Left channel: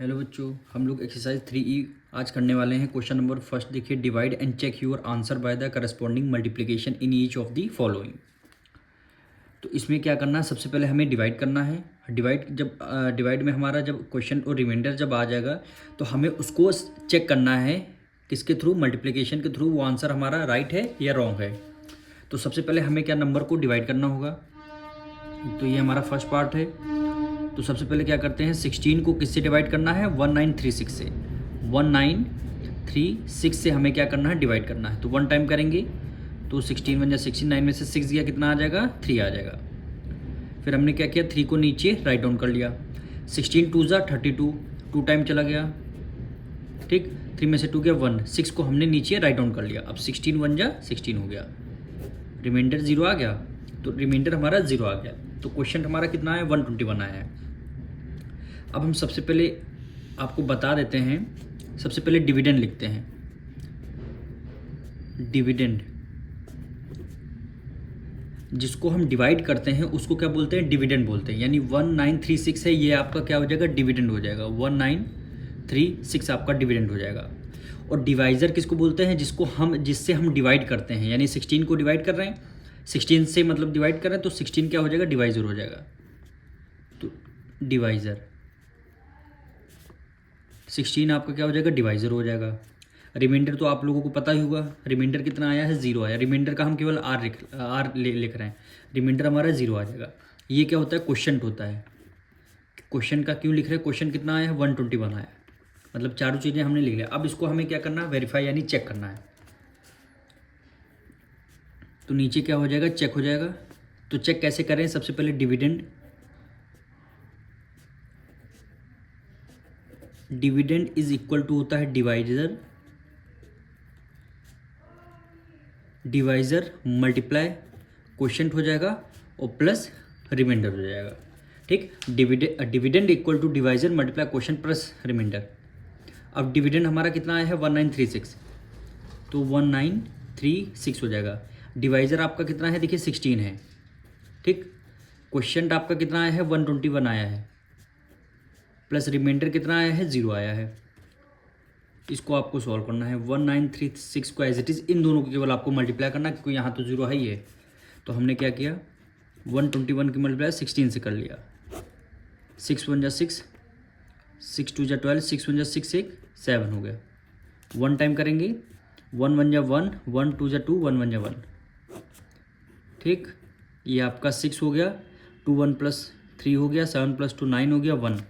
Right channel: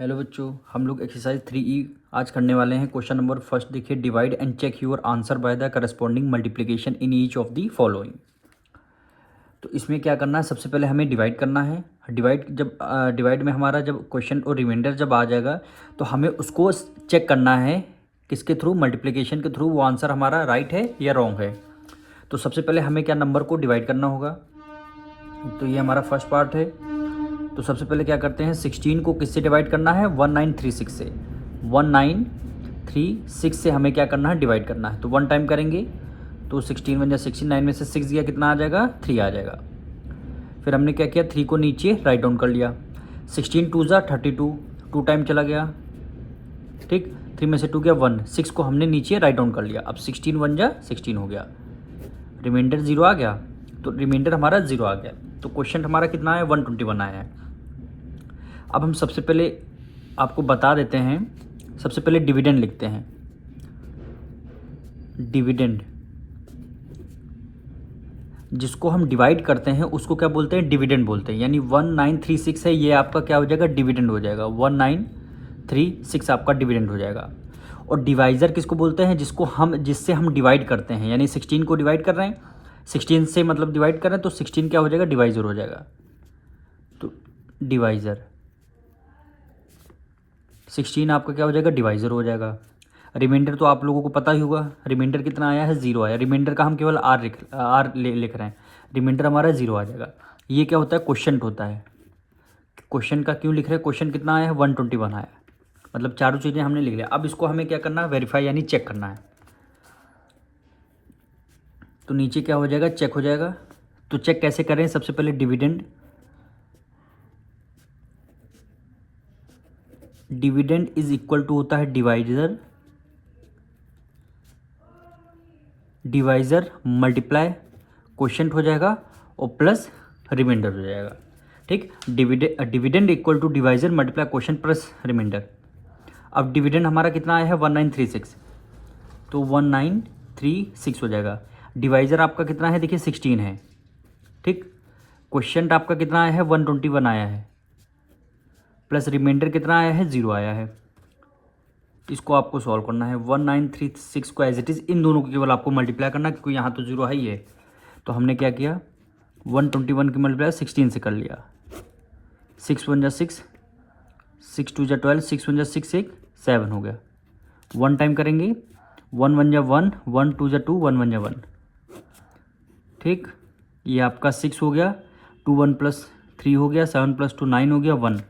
Hello बच्चों, हम लोग एक्सरसाइज 3E आज करने वाले हैं। क्वेश्चन नंबर फर्स्ट देखिए, divide and check your answer by the corresponding multiplication in each of the following. तो इसमें क्या करना है, सबसे पहले हमें डिवाइड करना है। डिवाइड में हमारा जब क्वेश्चन और रिमाइंडर जब आ जाएगा तो हमें उसको चेक करना है किसके थ्रू, मल्टीप्लिकेशन के थ्रू, वो आंसर हमारा राइट है या रॉन्ग है। तो सबसे पहले हमें क्या, नंबर को डिवाइड करना होगा। तो ये हमारा फर्स्ट पार्ट है। तो सबसे पहले क्या करते हैं, 16 को किससे डिवाइड करना है, 1936 से। 1936 से हमें क्या करना है, डिवाइड करना है। तो 1 टाइम करेंगे तो 16 बन जाए 69 में से 6 गया, कितना आ जाएगा, 3 आ जाएगा। फिर हमने क्या किया, 3 को नीचे राइट डाउन कर लिया। 16 2 ज़ा 32, 2 टाइम चला गया, ठीक। 3 में से 2 गया 1, 6 को हमने नीचे राइट डाउन कर लिया। अब 16 1 जा 16 हो गया, रिमाइंडर 0 आ गया। तो रिमाइंडर हमारा 0 आ गया। तो क्वेश्चन हमारा कितना है, 121 आया है। अब हम सबसे पहले आपको बता देते हैं, सबसे पहले डिविडेंड लिखते हैं। डिविडेंड, जिसको हम डिवाइड करते हैं उसको क्या बोलते हैं, डिविडेंड बोलते हैं। यानी 1936 है, ये आपका क्या हो जाएगा, डिविडेंड हो जाएगा। 1936 आपका डिविडेंड हो जाएगा। और डिवाइज़र किसको बोलते हैं, जिससे हम डिवाइड करते हैं। यानी 16 को डिवाइड कर रहे हैं, 16 से मतलब डिवाइड कर रहे हैं, तो 16 क्या हो जाएगा, डिवाइज़र हो जाएगा। तो डिवाइज़र 16 आपका क्या हो जाएगा, डिवाइज़र हो जाएगा। रिमाइंडर तो आप लोगों को पता ही होगा, रिमाइंडर कितना आया है, 0 आया। रिमाइंडर का हम केवल आर लिख रहे हैं, रिमाइंडर हमारा 0 आ जाएगा। ये क्या होता है, क्वेश्चन होता है। क्वेश्चन का क्यों लिख रहे हैं, क्वेश्चन कितना आया है, 121 आया। मतलब चारों चीज़ें हमने लिख लिया। अब इसको हमें क्या करना है, वेरीफाई यानी चेक करना है। तो नीचे क्या हो जाएगा, चेक हो जाएगा। तो चेक कैसे करें, सबसे पहले dividend, dividend is equal to होता है डिवाइजर, डिवाइज़र मल्टीप्लाई क्वोशंट हो जाएगा और प्लस रिमाइंडर हो जाएगा, ठीक। Dividend equal to divisor multiply quotient plus remainder. अब डिविडेंड हमारा कितना आया है, 1936, तो 1936 हो जाएगा। डिवाइज़र आपका कितना है, देखिए 16 है, ठीक। क्वोशंट आपका कितना आया है, 121 आया है, प्लस रिमाइंडर कितना आया है, 0 आया है। इसको आपको सॉल्व करना है। 1936 को एज इट इज़ इन दोनों को केवल आपको मल्टीप्लाई करना है, क्योंकि यहाँ तो 0 है ही है। तो हमने क्या किया, 121 की मल्टीप्लाई 16 से कर लिया। 6 1 जा 6, 6 2 जा 12, 6 1 जा 6 1 7 हो गया। 1 टाइम करेंगे, 1 1 जा 1, 1 2 जा 2, 1 1 जा 1, ठीक। ये आपका 6 हो गया, 2 1 प्लस 3 हो गया, 7 प्लस 2 9 हो गया, 1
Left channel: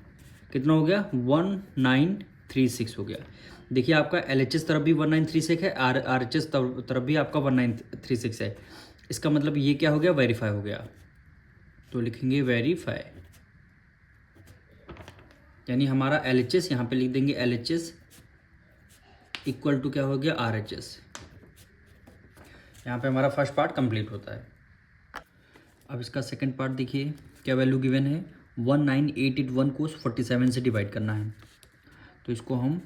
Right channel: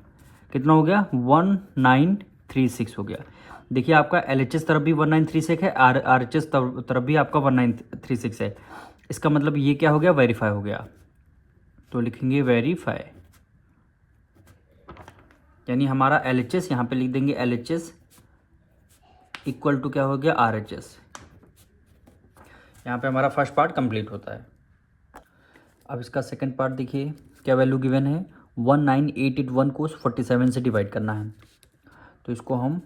कितना हो गया, 1936 हो गया। देखिए आपका LHS तरफ भी 1936 है, RHS तरफ भी आपका 1936 है। इसका मतलब ये क्या हो गया, वेरीफाई हो गया। तो लिखेंगे वेरीफाई, यानी हमारा LHS यहाँ पे लिख देंगे, LHS इक्वल टू क्या हो गया, RHS। यहाँ पे हमारा फर्स्ट पार्ट कंप्लीट होता है। अब इसका सेकंड पार्ट देखिए, क्या वैल्यू गिवन है, 19881 को 47 से डिवाइड करना है। तो इसको हम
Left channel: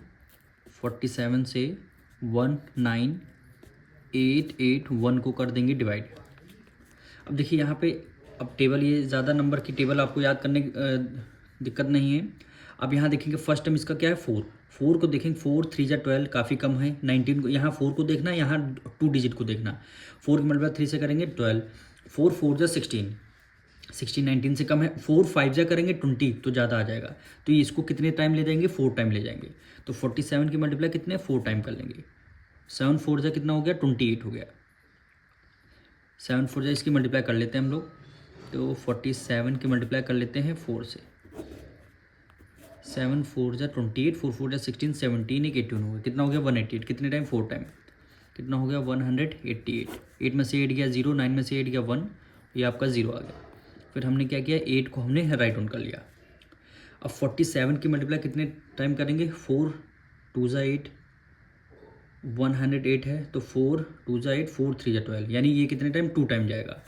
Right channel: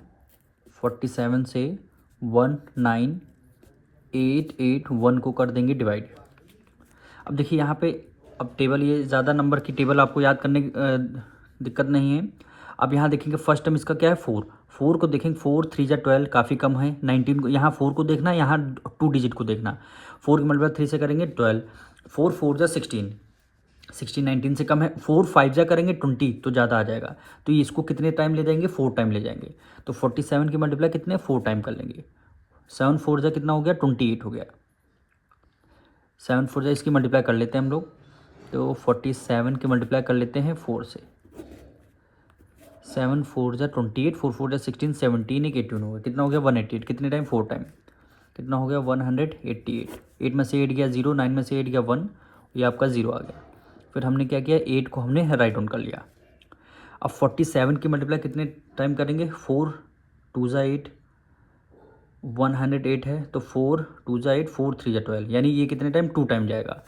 47 से 19881 को कर देंगे डिवाइड। अब देखिए यहाँ पे, अब टेबल, ये ज़्यादा नंबर की टेबल आपको याद करने की दिक्कत नहीं है। अब यहाँ देखेंगे फर्स्ट टर्म इसका क्या है, 4 को देखेंगे, 4 3 जा 12 काफ़ी कम है। 19 को, यहाँ 4 को देखना, यहाँ 2 डिजिट को देखना। 4 की मल्टीप्लाई 3 से करेंगे 12, 4 4 जा 16, 19 से कम है। 4 5 जा करेंगे 20, तो ज़्यादा आ जाएगा। तो ये इसको कितने टाइम ले जाएंगे, 4 टाइम ले जाएंगे। तो 47 की मल्टीप्लाई कितने, 4 टाइम कर लेंगे। 7 4 जा कितना हो गया, 28 हो गया। 7 4 जा इसकी मल्टीप्लाई कर लेते हैं हम लोग। तो 47 की मल्टीप्लाई कर लेते हैं 4 से। 7 4 जा 28, 4 4 जा 16, 17 एक 18 हो गया, कितना हो गया, 188। कितने टाइम, 4 टाइम, कितना हो गया, 188। 8 में से 8 गया 0, 9 में से 8 गया 1, ये आपका 0 आ गया। फिर हमने क्या किया, 8 को हमने राइट डाउन कर लिया। अब 47 की मल्टीप्लाई कितने टाइम करेंगे, 4 2 जा 8, 108 है, तो 4 2 जा 8, 4 3 जा 12, यानी ये कितने टाइम, 2 टाइम जाएगा।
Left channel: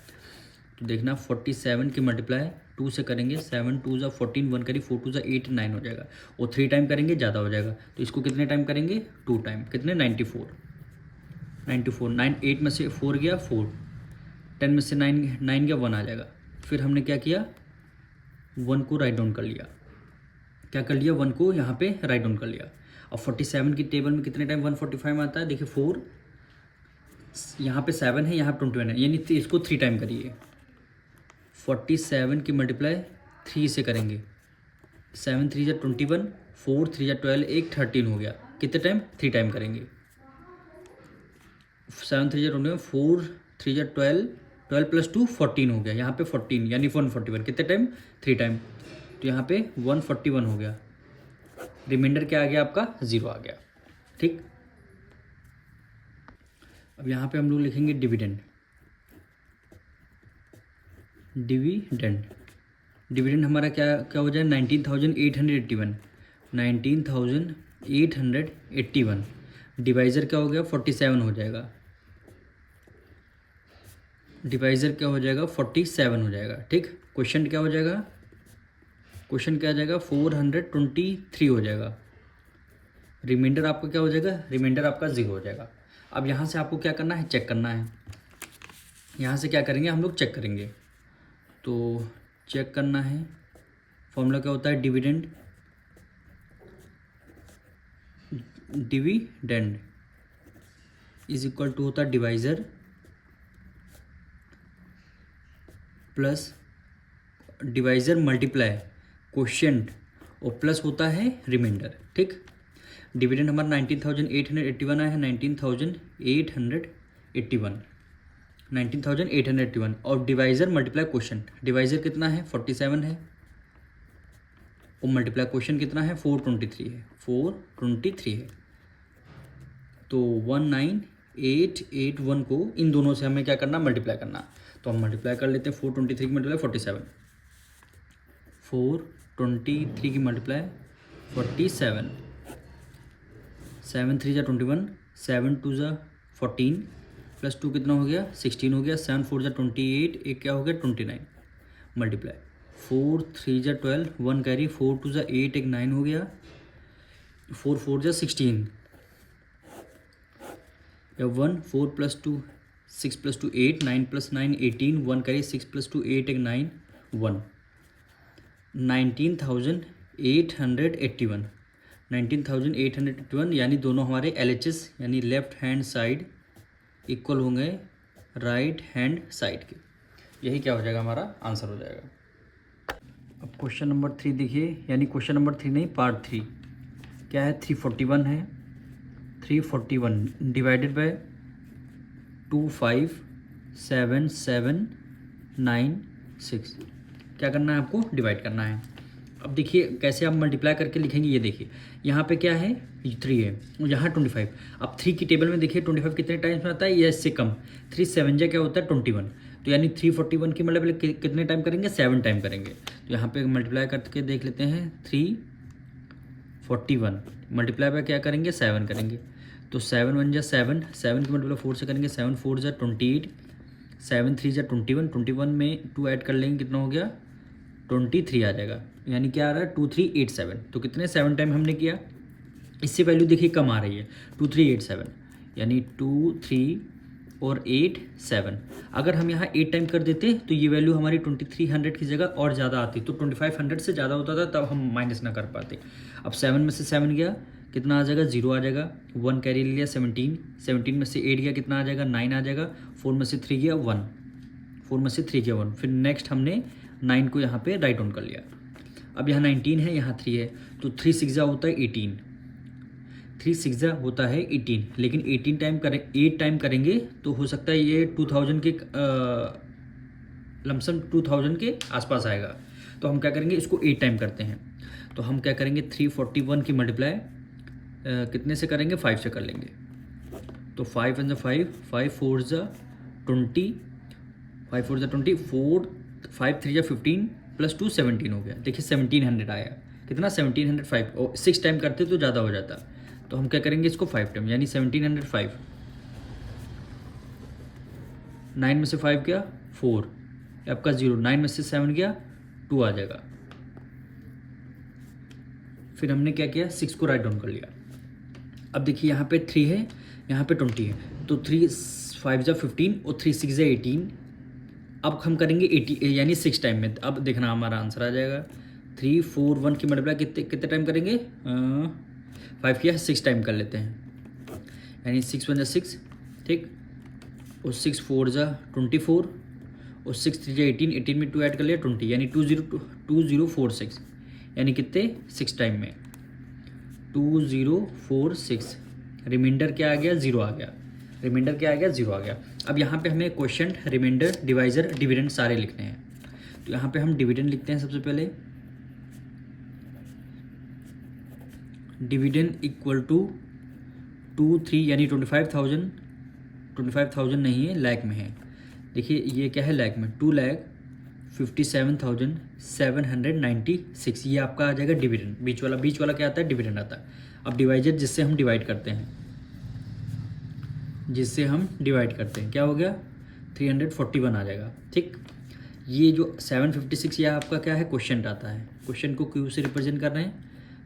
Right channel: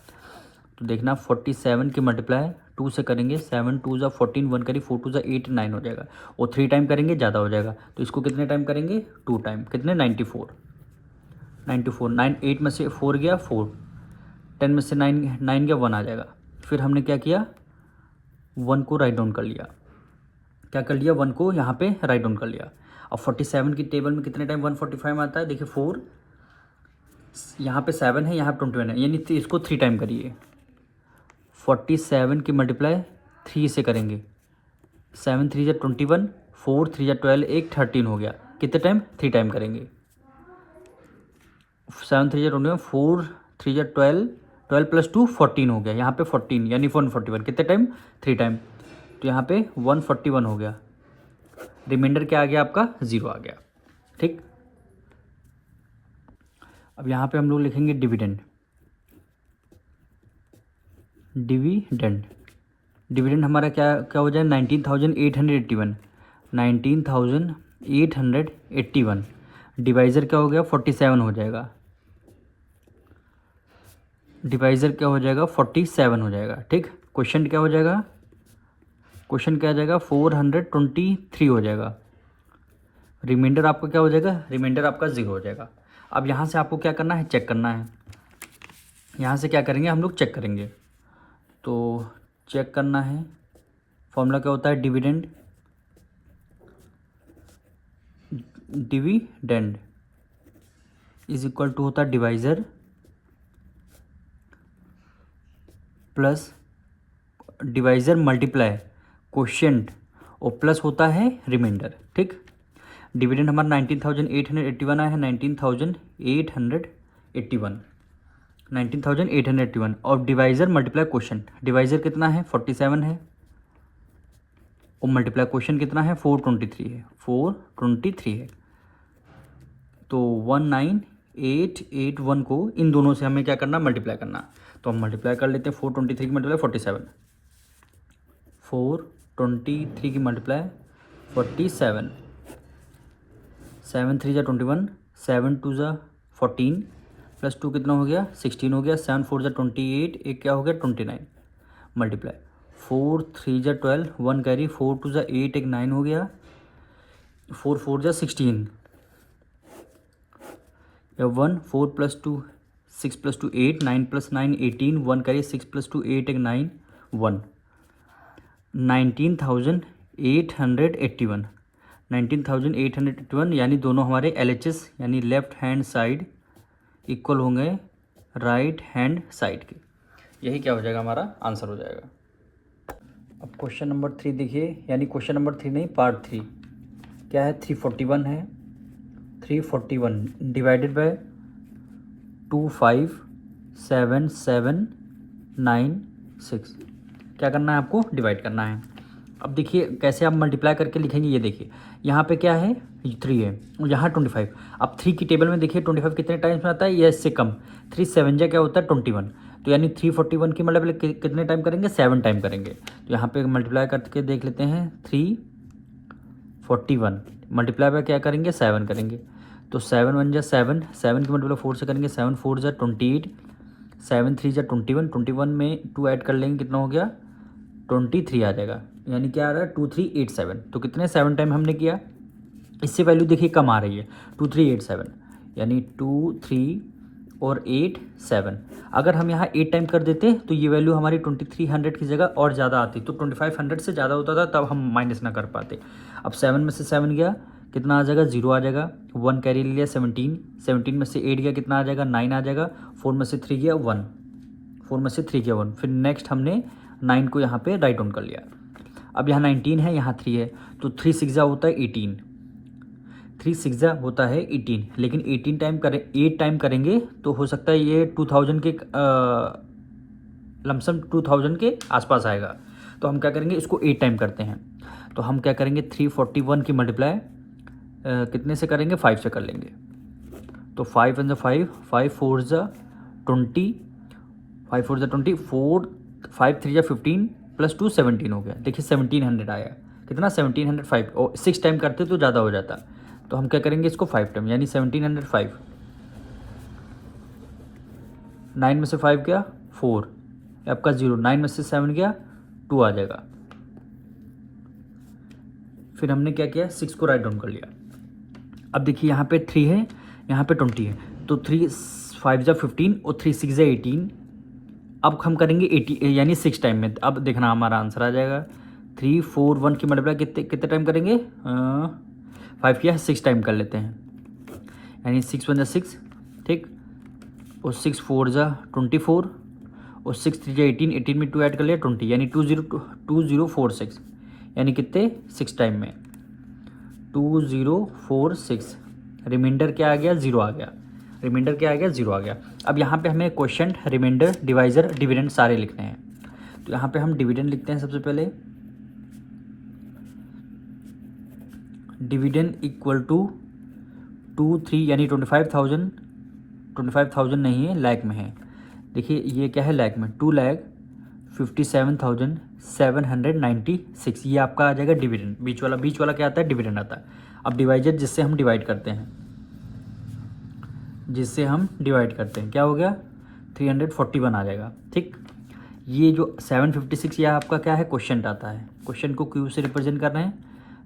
तो देखना 47 की मल्टीप्लाई 2 से करेंगे, 7 2 जा 14, 1 करी, 4 2 जा 8 9 हो जाएगा। और 3 टाइम करेंगे ज़्यादा हो जाएगा। तो इसको कितने टाइम करेंगे, 2 टाइम, कितने, 94 9 8 में से 4 गया 4, 10 में से 9 गया 1 आ जाएगा। फिर हमने क्या किया, 1 को राइट डाउन कर लिया। क्या कर लिया, 1 को यहाँ पे राइट डाउन कर लिया। अब 47 की टेबल में कितने टाइम 145 में आता है, देखिए 4, यहाँ पे 7 है, यहाँ पे 21 है, यानी इसको 3 टाइम करिए। 47 की मल्टीप्लाई 3 से करेंगे, 7 3 जा 21, 4 3 जा 12, एक 13 हो गया। कितने टाइम, 3 टाइम करेंगे। 7 3 जा 21, 4 3 जा 12, 12 + 2 14 हो गया, यहाँ पे 14 यानी 141, कितने टाइम, 3 टाइम। तो यहाँ पे 141 हो गया, रिमाइंडर क्या आ गया आपका, 0 आ गया। ठीक, अब यहाँ पे हम लोग लिखेंगे डिविडेंड। डिविडेंड डिविडेंड हमारा क्या क्या हो जाए, 19,881, 19,881 डिवाइज़र क्या हो गया, 47 हो जाएगा। डिवाइज़र क्या हो जाएगा, 47 हो जाएगा। ठीक, क्वेश्चन क्या हो जाएगा, क्वेश्चन क्या आ जाएगा, 423 हो जाएगा। रिमाइंडर आपका क्या हो जाएगा, रिमाइंडर आपका 0 हो जाएगा। अब यहाँ से आपको क्या करना है, चेक करना है। यहाँ से क्या करेंगे, हम लोग चेक करेंगे। तो चेक करना है, फॉर्मूला क्या होता है, dividend, dividend is equal to होता है divisor plus divisor multiply quotient और प्लस होता है रिमाइंडर। ठीक, डिविडेंड हमारा 19,881 आया है, 19,881 और डिवाइज़र मल्टीप्लाई क्वोशिएंट, डिवाइज़र कितना है, 47 है, और मल्टीप्लाई क्वोशिएंट कितना है, 423 है, 423 है। तो 19881 को इन दोनों से हमें क्या करना, मल्टीप्लाई करना। तो हम मल्टीप्लाई कर लेते हैं, 423 की मल्टीप्लाई 47, 423 की मल्टीप्लाई 47, 7 3 जा 21, 7 2 जा 14 + 2 कितना हो गया, 16 हो गया, 7 4 जा 28, एक क्या हो गया 29, मल्टीप्लाई 4 3 जा 12, 1 कैरी, 4 2 जा 8, एक 9 हो गया, 4 4 जा 16, 1 4 + 2 6 + 2 8, 9 + 9 18, 1 कैरी, 6 + 2 8, एक 9 1, 19,881, 19,881 यानी दोनों हमारे LHS यानी लेफ्ट हैंड साइड इक्वल होंगे राइट हैंड साइड के। यही क्या हो जाएगा, हमारा आंसर हो जाएगा। अब क्वेश्चन नंबर 3 देखिए, यानी क्वेश्चन नंबर 3 नहीं, पार्ट 3 क्या है, 341 है। 341 डिवाइडेड बाय 257,796 क्या करना है आपको, डिवाइड करना है। अब देखिए कैसे आप मल्टीप्लाई करके लिखेंगे, ये देखिए यहाँ पे क्या है, 3 है, यहाँ 25। अब 3 की टेबल में देखिए 25 कितने टाइम्स में आता है, या इससे कम, 3 7 जा क्या होता है 21, तो यानी 341 की मल्टीप्लाई कितने टाइम करेंगे, 7 टाइम करेंगे। तो यहाँ पे मल्टीप्लाई करके देख लेते हैं, 341 मल्टीप्लाई पर क्या करेंगे, 7 करेंगे। तो 7 1 जा 7, 7 की मल्टीप्लाई 4 से करेंगे, 7 4 जा 28, 7 3 जा 21, 21 में 2 ऐड कर लेंगे, कितना हो गया 23 आ जाएगा, यानी क्या आ रहा है 2387। तो कितने 7 टाइम हमने किया, इससे वैल्यू देखिए कम आ रही है, 2387 यानी 2 3 और 8 7। अगर हम यहाँ 8 टाइम कर देते तो ये वैल्यू हमारी 2300 की जगह और ज़्यादा आती, तो 2500 से ज़्यादा होता था, तब हम माइनस ना कर पाते। अब 7 में से 7 गया, कितना आ जाएगा, 0 आ जाएगा, 1 कैरी लिया 17, 17 में से 8 गया, कितना आ जाएगा 9 आ जाएगा, 4 में से 3 गया 1, 4 में से 3 गया 1, फिर नेक्स्ट हमने 9 को यहाँ पे राइट डाउन कर लिया। अब यहाँ 19 है, यहाँ 3 है, तो 3 6 होता है 18, 3 6 होता है 18, लेकिन 18 टाइम करें, 8 टाइम करेंगे तो हो सकता है ये 2000 के लमसम 2000 के आसपास आएगा। तो हम क्या करेंगे, इसको 8 टाइम करते हैं। तो हम क्या करेंगे, 341 की मल्टीप्लाई कितने से करेंगे, 5 से कर लेंगे। तो 5 1 5, 5 4 20, 5 4 20, 4 5 3 15 + 2 17 हो गया। देखिए 1700 आया, कितना 1705, और 6 टाइम करते तो ज़्यादा हो जाता। तो हम क्या करेंगे, इसको 5 टाइम यानी 1705, 9 में से 5 गया 4, आपका 0, 9 में से 7 गया 2 आ जाएगा। फिर हमने क्या किया, 6 को राइट डाउन कर लिया। अब देखिए यहाँ पे 3 है, यहाँ पे 20 है, तो 3 5 जा 15 और 3 6 जा 18। अब हम करेंगे 80 यानी 6 टाइम में। अब देखना हमारा आंसर आ जाएगा 341 की मल्टीप्लाई कितने कितने टाइम करेंगे, 5 किया है 6 टाइम कर लेते हैं, यानी 6 1 जा 6, ठीक, और 6 4 जा 24, और 6 3 जा 18, 18 में 2 ऐड कर लिया 20, यानी 2046, यानी कितने 6 टाइम में 2046। रिमाइंडर क्या आ गया, 0 आ गया, रिमाइंडर क्या आ गया, 0 आ गया। अब यहाँ पे हमें क्वेश्चन, रिमाइंडर, डिवाइज़र, डिविडेंड सारे लिखने हैं। तो यहाँ पे हम डिविडेंड लिखते हैं सबसे पहले। डिविडेंड इक्वल टू 23, यानी 25,000 नहीं है, लाख में है। देखिए ये क्या है, लाख में, 2,57,796, ये आपका आ जाएगा डिविडेंड। बीच वाला क्या आता है, डिविडेंड आता है। अब डिवाइजर जिससे हम डिवाइड करते हैं, क्या हो गया, 341 आ जाएगा, ठीक। ये जो 756 यह आपका क्या है, क्वेश्चन आता है। क्वेश्चन को क्यू से रिप्रेजेंट कर रहे हैं,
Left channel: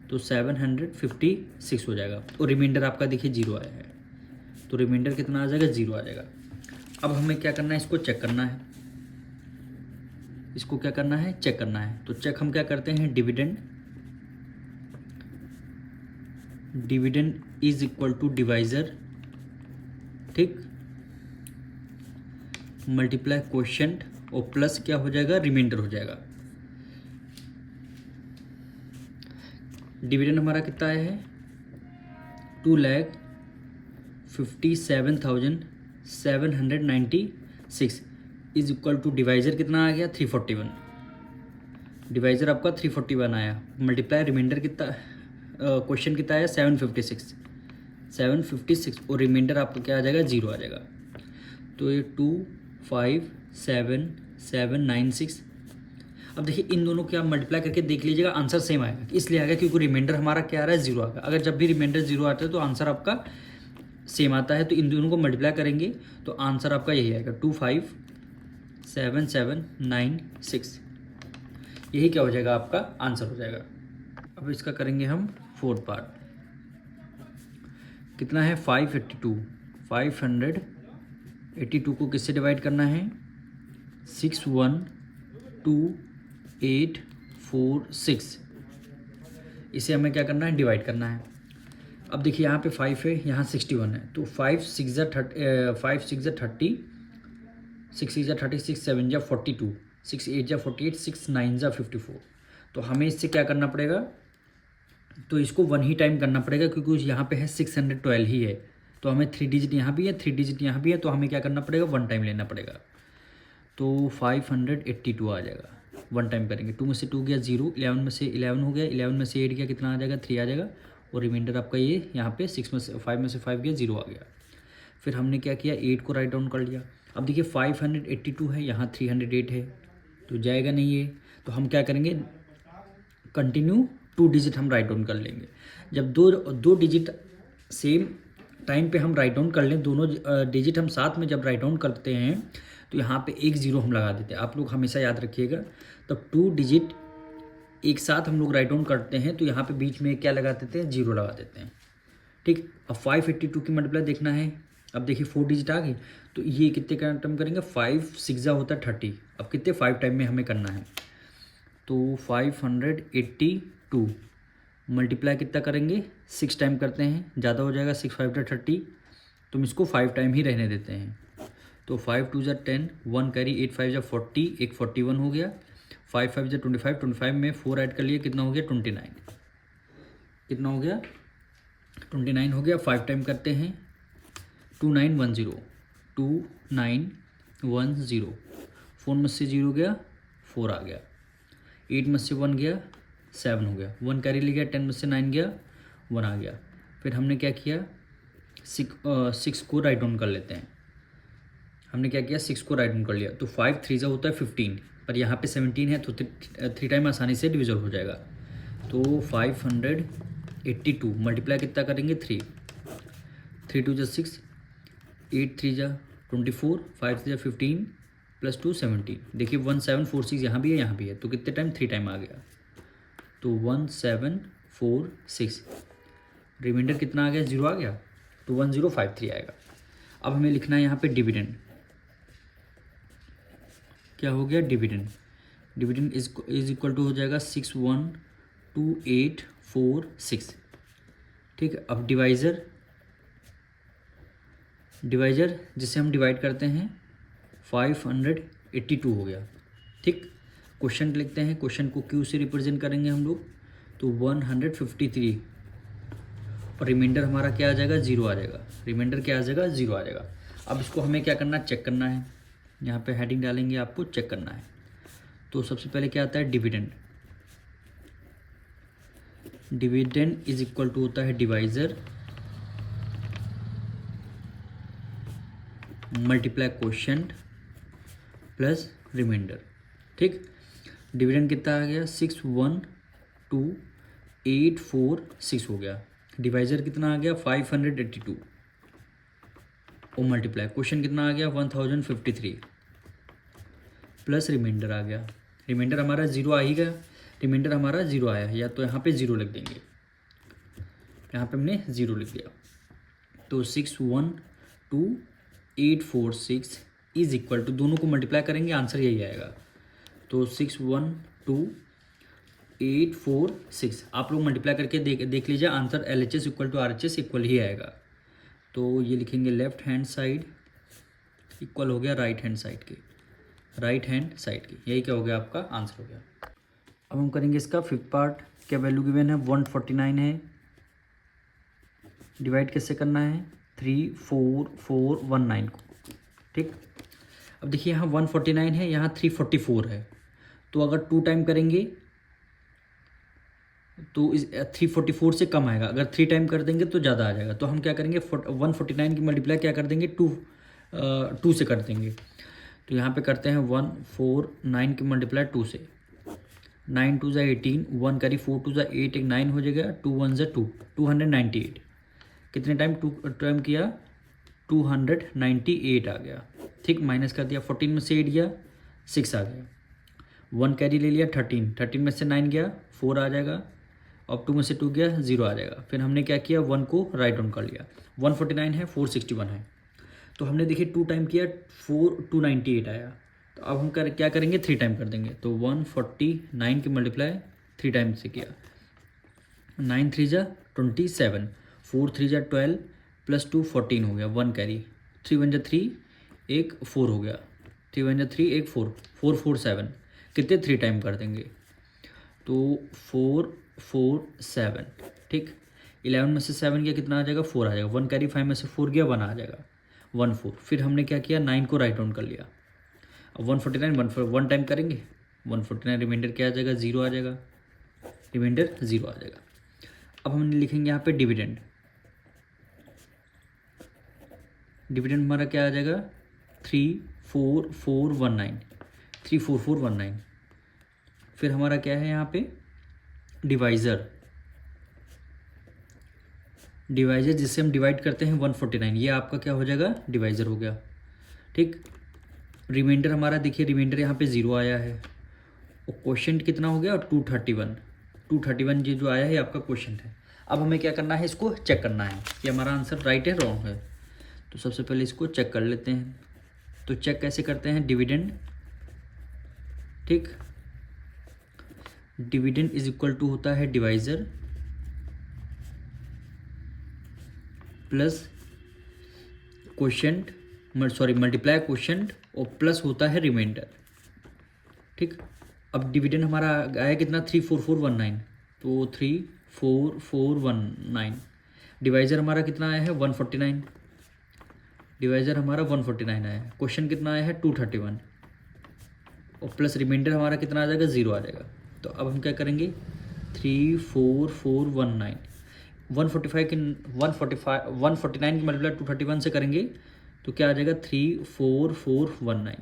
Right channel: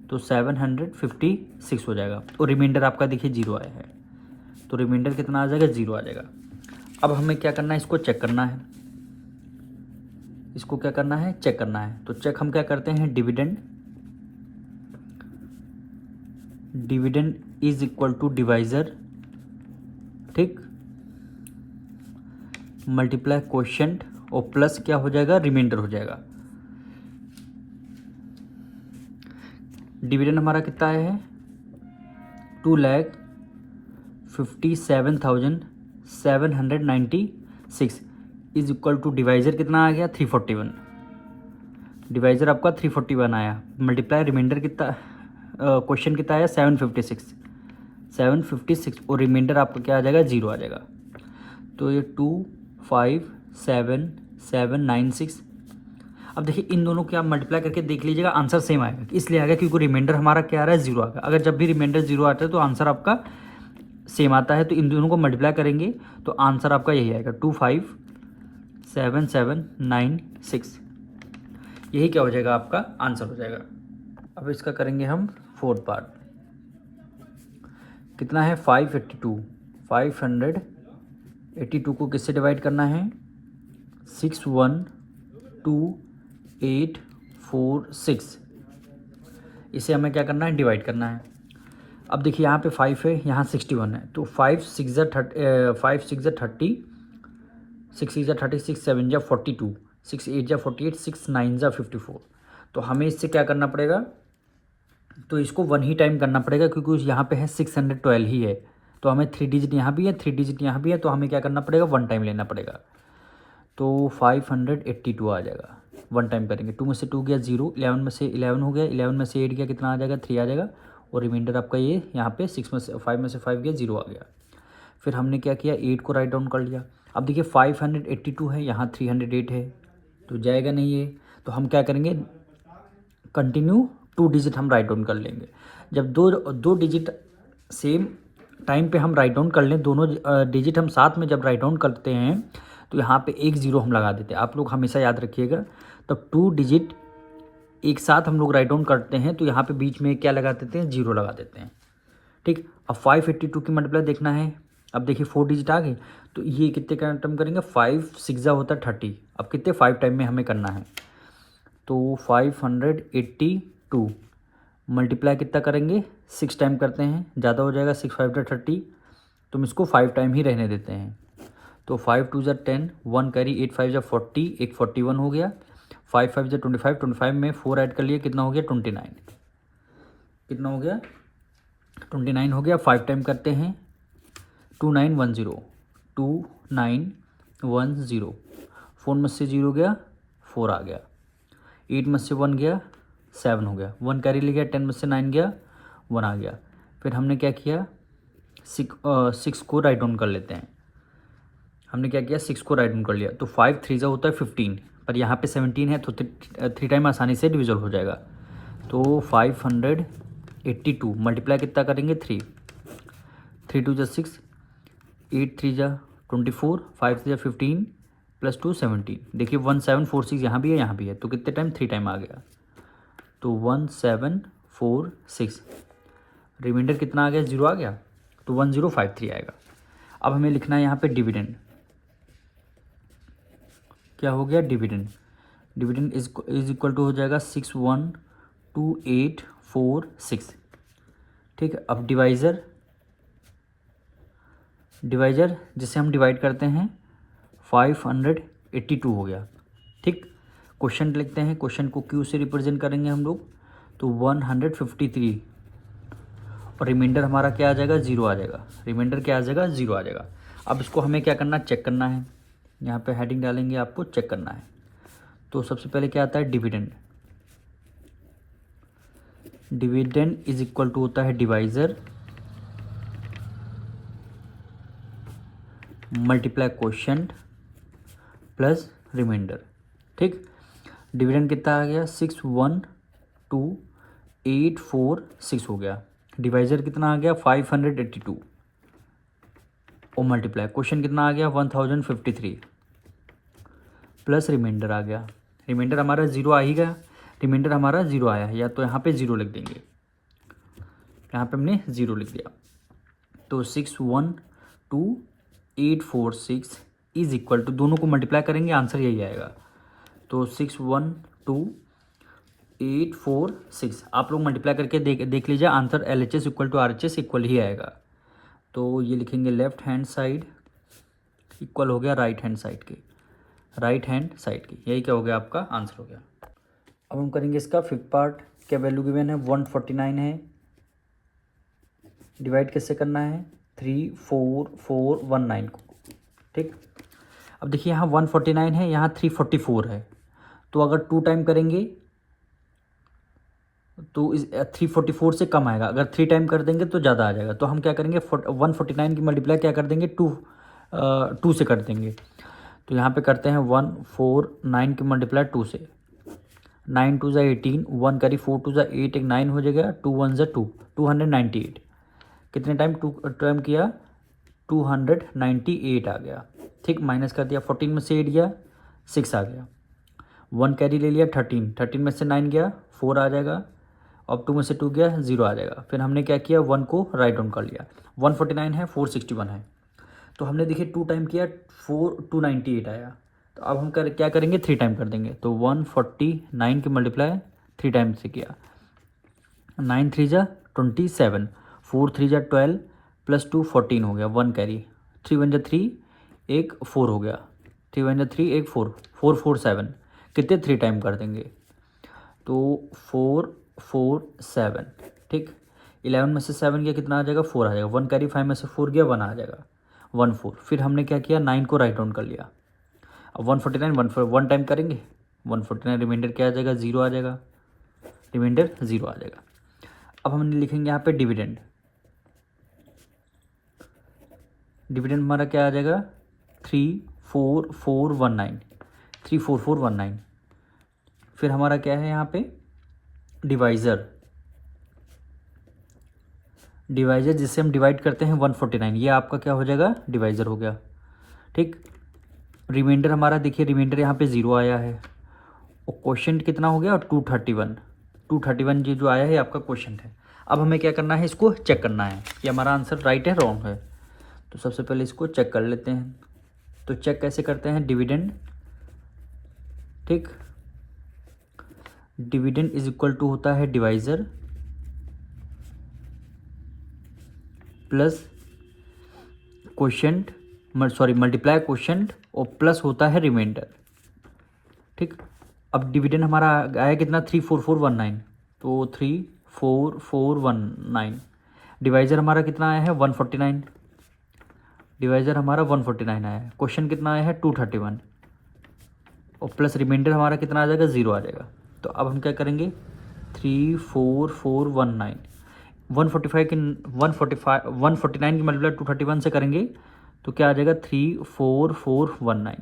तो 756 हो जाएगा। और रिमाइंडर आपका देखिए 0 आया है, तो रिमाइंडर कितना आ जाएगा, 0 आ जाएगा। अब हमें क्या करना है, इसको चेक करना है, चेक करना है। तो चेक हम क्या करते हैं, dividend is equal to divisor, ठीक, मल्टीप्लाई क्वोशिएंट और प्लस क्या हो जाएगा, रिमाइंडर हो जाएगा। डिविडेंड हमारा कितना आया है, 2,57,796 इज इक्वल टू डिवाइजर कितना आ गया, 341। डिवाइजर आपका 341 आया, मल्टीप्लाई रिमाइंडर कितना, क्वेश्चन कितना आया, 756, और रिमाइंडर आपका क्या आ जाएगा, 0 आ जाएगा। तो ये 257,796। अब देखिए इन दोनों को आप मल्टीप्लाई करके देख लीजिएगा, आंसर सेम आएगा। इसलिए आएगा क्योंकि रिमाइंडर हमारा क्या आ रहा है, 0 आएगा। अगर जब भी रिमाइंडर 0 आता है तो आंसर आपका सेम आता है। तो इन दोनों को मल्टीप्लाई करेंगे तो आंसर आपका यही आएगा, 257,796। यही क्या हो जाएगा, आपका आंसर हो जाएगा। अब इसका करेंगे हम 4th पार्ट। कितना है, 582 को किससे डिवाइड करना है, 612,846। इसे हमें क्या करना है, डिवाइड करना है। अब देखिए यहाँ पे 5 है, यहाँ 61 है, तो 5 6 जा 30, 5 6 जा 30, 6 6 जा 36, 7 जा 42, 6 8 जा 48, 6 9 जा 54। तो हमें इससे क्या करना पड़ेगा, तो इसको 1 ही टाइम करना पड़ेगा, क्योंकि यहाँ पे है 612 ही है। तो हमें 3 डिजिट यहाँ भी है, 3 डिजिट यहाँ भी है, तो हमें क्या करना पड़ेगा, 1 टाइम लेना पड़ेगा। तो 582 आ जाएगा, 1 टाइम करेंगे। 2 में से 2 गया 0, 11 में से 11 हो गया, 11 में से 8 गया, कितना आ जाएगा, 3 आ जाएगा। और रिमाइंडर आपका ये यहाँ पे 6 में से 5 गया, 0 आ गया। फिर हमने क्या किया, 8 को राइट डाउन कर लिया। अब देखिए 582 है, यहाँ 308 है, तो जाएगा नहीं है। तो हम क्या करेंगे, कंटिन्यू 2 डिजिट हम राइट डाउन कर लेंगे। जब दो डिजिट सेम टाइम पे हम राइट डाउन कर लें, दोनों डिजिट हम साथ में जब राइट डाउन करते हैं, तो यहाँ पे एक 0 हम लगा देते हैं। आप लोग हमेशा याद रखिएगा, तब 2 डिजिट एक साथ हम लोग राइट डाउन करते हैं, तो यहाँ पे बीच में क्या लगा देते हैं, 0 लगा देते हैं, ठीक। अब 582 की मल्टीप्लाई देखना है। अब देखिए 4 डिजिट आ गए, तो ये कितने का टाइम करेंगे, 5 6 जा होता है 30। अब कितने 5 टाइम में हमें करना है, तो 582 मल्टीप्लाई कितना करेंगे, 6 टाइम करते हैं, ज़्यादा हो जाएगा, 6 5 30, तो हम इसको 5 टाइम ही रहने देते हैं। तो 5 2 जा 10, 1 कैरी, 8 5 जा 40, 1 41 हो गया, 5 5 जा 25, 25 में 4 ऐड कर लिए, कितना हो गया, 29। कितना हो गया, 29 हो गया। 5 टाइम करते हैं, 2910, 2910, 4 में से 0 गया, 4 आ गया, 8 में से 1 गया, 7 हो गया, 1 कैरी ले गया, 10 में से 9 गया, 1 आ गया। फिर हमने क्या किया, 6 को राइट डाउन कर लेते हैं। हमने क्या किया, 6 को राइट डाउन कर लिया। तो 5 3 जा होता है 15, पर यहाँ पे 17 है, तो 3 टाइम आसानी से डिविजल हो जाएगा। तो 582 मल्टीप्लाई कितना करेंगे, 3 2 जा 6, 8 3 जा 24, 5 3 जा 15, प्लस 2 17। देखिए 1746 यहाँ भी है, यहाँ भी है, तो कितने टाइम, 3 टाइम आ गया। तो 1746, रिमाइंडर कितना आ गया, 0 आ गया, तो 1053 आएगा। अब हमें लिखना है यहाँ पे डिविडेंड, क्या हो गया, dividend. Dividend is equal to हो जाएगा 612,846। ठीक है, अब डिवाइज़र जिसे हम डिवाइड करते हैं 582 हो गया। ठीक, क्वेश्चन लिखते हैं, क्वेश्चन को क्यू से रिप्रेजेंट करेंगे हम लोग, तो 153 और रिमाइंडर हमारा क्या आ जाएगा, ज़ीरो आ जाएगा। रिमाइंडर क्या आ जाएगा, ज़ीरो आ जाएगा। अब इसको हमें क्या करना है, चेक करना है। यहाँ पे हेडिंग डालेंगे, आपको चेक करना है। तो सबसे पहले क्या आता है, dividend. Dividend is equal to होता है divisor multiply quotient plus remainder. ठीक, डिविडेंड कितना आ गया, 612,846 हो गया। डिवाइज़र कितना आ गया, 582 और मल्टीप्लाई क्वेश्चन कितना आ गया, 1053 प्लस रिमाइंडर आ गया। रिमाइंडर हमारा ज़ीरो आ ही गया, रिमाइंडर हमारा ज़ीरो आया है, या तो यहाँ पे ज़ीरो लिख देंगे, यहाँ पे हमने ज़ीरो लिख दिया। तो 612,846 इज इक्वल टू, दोनों को मल्टीप्लाई करेंगे आंसर यही आएगा। तो 612,846 आप लोग मल्टीप्लाई करके देख लीजिए, answer LHS equal to RHS equal ही आएगा। तो ये लिखेंगे लेफ्ट हैंड साइड इक्वल हो गया राइट हैंड साइड के, राइट हैंड साइड की, यही क्या हो गया, आपका आंसर हो गया। अब हम करेंगे इसका फिफ्थ पार्ट। क्या वैल्यू गिवन है, 149 है, डिवाइड कैसे करना है, 34419 को। ठीक, अब देखिए यहाँ 149 है, यहाँ 344 है, तो अगर 2 टाइम करेंगे तो इस 344 से कम आएगा, अगर 3 टाइम कर देंगे तो ज़्यादा आ जाएगा। तो हम क्या करेंगे, 149 की मल्टीप्लाई क्या कर देंगे, 2 से कर देंगे। तो यहाँ पे करते हैं 149 की मल्टीप्लाई 2 से, 9 2 ज़ा 18, 1 करी 4 2 ज़ा 8, एक 9 हो जाएगा, 2 1 ज़ा 2, 298। कितने टाइम 2 टाइम किया, 298 आ गया। ठीक, माइनस कर दिया, 14 में से 8 गया, 6 आ गया। 1 कैरी ले लिया, 13 में से 9 गया, 4 आ जाएगा। अब 2 में से 2 गया, 0 आ जाएगा। फिर हमने क्या किया, 1 को राइट डाउन कर लिया। 149 है, 461 है, तो हमने देखिए 2 टाइम किया, 298 आया। तो अब हम क्या करेंगे, 3 टाइम कर देंगे। तो 149 की मल्टीप्लाई 3 टाइम से किया, 9 3 ज़ा 27, 4 3 ज़ा 12 प्लस 2 14 हो गया, 1 कैरी, 3 1 ज़ा 3, एक 4 हो गया, 3 1 ज़ा 3, एक 4, 4 4 7, कितने 3 टाइम कर देंगे, तो 4 4 7। ठीक, 11 में से 7 गया, कितना आ जाएगा, 4 आ जाएगा। 1 कैरी, 5 में से 4 गया, 1 आ जाएगा, 1 4। फिर हमने क्या किया, 9 को राइट डाउन कर लिया। अब 149 1 टाइम करेंगे, 149 रिमाइंडर क्या आ जाएगा, 0 आ जाएगा, रिमाइंडर 0 आ जाएगा। अब हम लिखेंगे यहाँ पे डिविडेंड। डिविडेंड हमारा क्या आ जाएगा, 34419, 34419। फिर हमारा क्या है यहाँ पे, डिवाइज़र जिससे हम डिवाइड करते हैं 149, ये आपका क्या हो जाएगा, डिवाइज़र हो गया। ठीक, रिमाइंडर हमारा देखिए, रिमाइंडर यहाँ पे 0 आया है, और क्वोशिएंट कितना हो गया, 231 ये जो आया है आपका क्वोशिएंट है। अब हमें क्या करना है, इसको चेक करना है कि हमारा आंसर राइट है रॉन्ग है। तो सबसे पहले इसको चेक कर लेते हैं। तो चेक कैसे करते हैं, डिविडेंड। ठीक, डिविडेंड इज इक्वल टू होता है divisor plus quotient, multiply quotient और प्लस होता है रिमाइंडर। ठीक, अब डिविडेंड हमारा आया कितना, 34419, तो 34419। डिवाइज़र हमारा कितना आया है, 149, डिवाइज़र हमारा 149 आया है। क्वेश्चन कितना आया है, 231, और प्लस रिमाइंडर हमारा कितना आ जाएगा, 0 आ जाएगा। तो अब हम क्या करेंगे, 34419, 149 की मल्टीप्लाई 231 से करेंगे तो क्या आ जाएगा, 34419,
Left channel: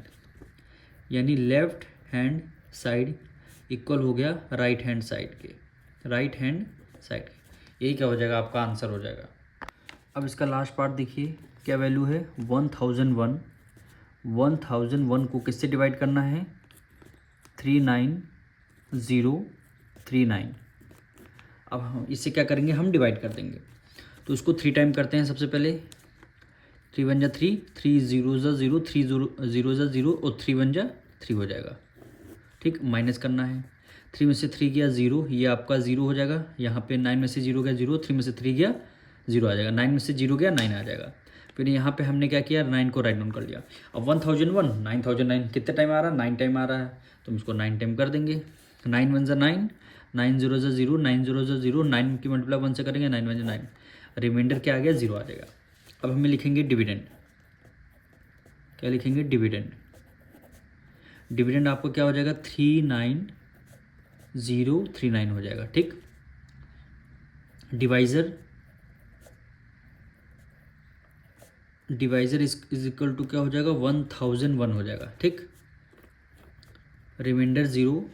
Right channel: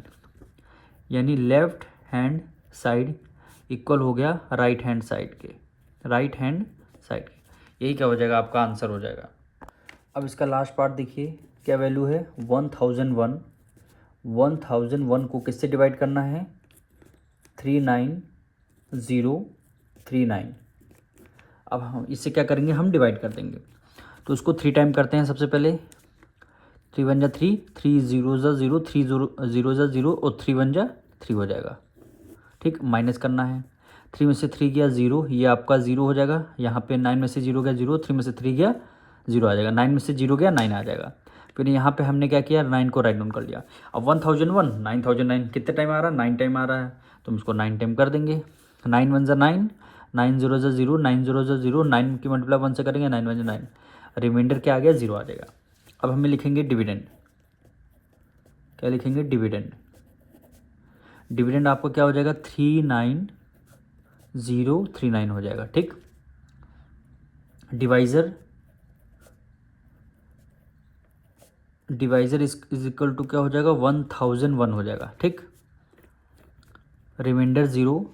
यानी लेफ्ट हैंड साइड इक्वल हो गया राइट हैंड साइड के, यही क्या हो जाएगा, आपका आंसर हो जाएगा। अब इसका लास्ट पार्ट देखिए, क्या वैल्यू है, 1001 को किससे डिवाइड करना है, 39039। अब हम इससे क्या करेंगे, हम डिवाइड कर देंगे। तो उसको 3 टाइम करते हैं। सबसे पहले 3 1 जा 3, 3 0 जा 0, 3 0 0 जा 0 और 3 1 जा 3 हो जाएगा। ठीक, माइनस करना है। 3 में से 3 गया 0, ये आपका 0 हो जाएगा। यहाँ पे 9 में से 0 गया 0, 3 में से 3 गया 0 आ जाएगा। 9 में से 0 गया 9 आ जाएगा। फिर यहाँ पे हमने क्या किया, 9 को राइट डाउन कर लिया। अब 1001 9009 कितने टाइम आ रहा है, 9 टाइम आ रहा है, तो हम इसको 9 टाइम कर देंगे। 9 1 9, 9 0 0, 9 0 0, 9 की मल्टीप्लाई 1 से करेंगे, 9 1 9, रिमाइंडर क्या आ गया, 0 आ जाएगा। अब हमें लिखेंगे डिविडेंड, क्या लिखेंगे, डिविडेंड। डिविडेंड आपको क्या हो जाएगा, 39039 हो जाएगा। ठीक, डिवाइज़र इज इक्वल टू क्या हो जाएगा, 1001 हो जाएगा। ठीक, रिमाइंडर 0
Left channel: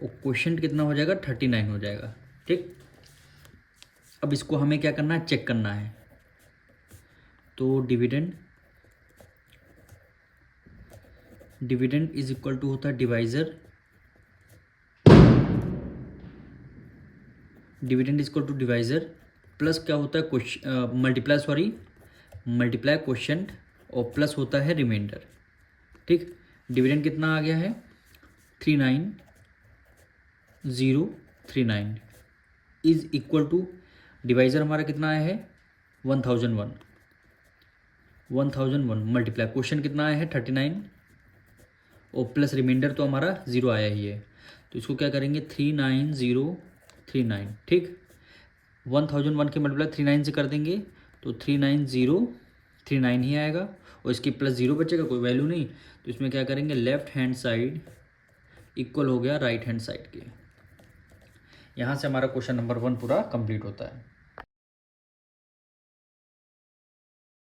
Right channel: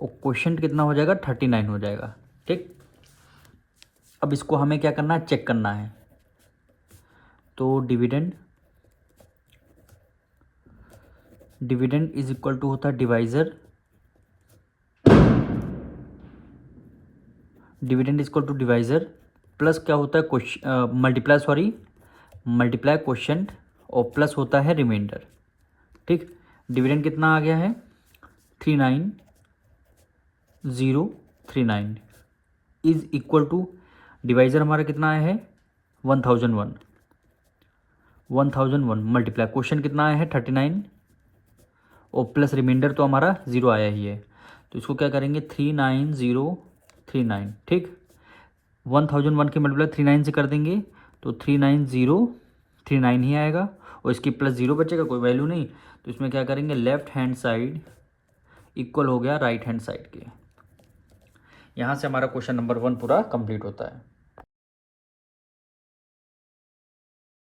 और क्वोशंट कितना हो जाएगा, 39 हो जाएगा। ठीक, अब इसको हमें क्या करना है, चेक करना है। तो डिविडेंड इज इक्वल टू होता है divisor, dividend is equal to divisor plus क्या होता है, मल्टीप्लाई क्वोशंट और प्लस होता है रिमाइंडर। ठीक, डिविडेंड कितना आ गया है, 39039 इज इक्वल टू डिवाइज़र हमारा कितना आया है, 1001 मल्टीप्लाई क्वोशंट कितना आया है, 39 और प्लस रिमाइंडर तो हमारा 0 आया ही है। तो इसको क्या करेंगे, 39039। ठीक, 1001 की मल्टीप्लाई 39 से कर देंगे तो 39039 ही आएगा और इसकी प्लस 0 बचेगा, कोई वैल्यू नहीं। तो इसमें क्या करेंगे, लेफ्ट हैंड साइड इक्वल हो गया राइट हैंड साइड के। यहाँ से हमारा क्वेश्चन नंबर 1 पूरा कंप्लीट होता है।